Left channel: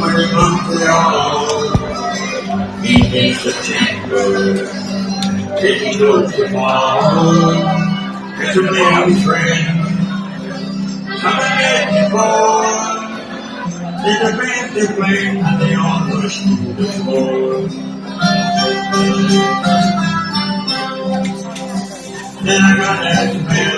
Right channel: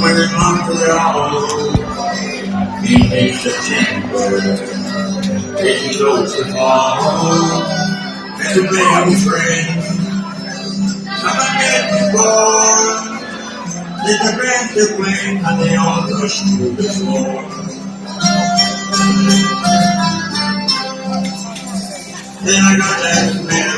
when it comes to y'all. He takes the chamber, taking close to fall. It's a baby friend. Come again before. There's a band to play, and they all rush to the floor. Then I got that man.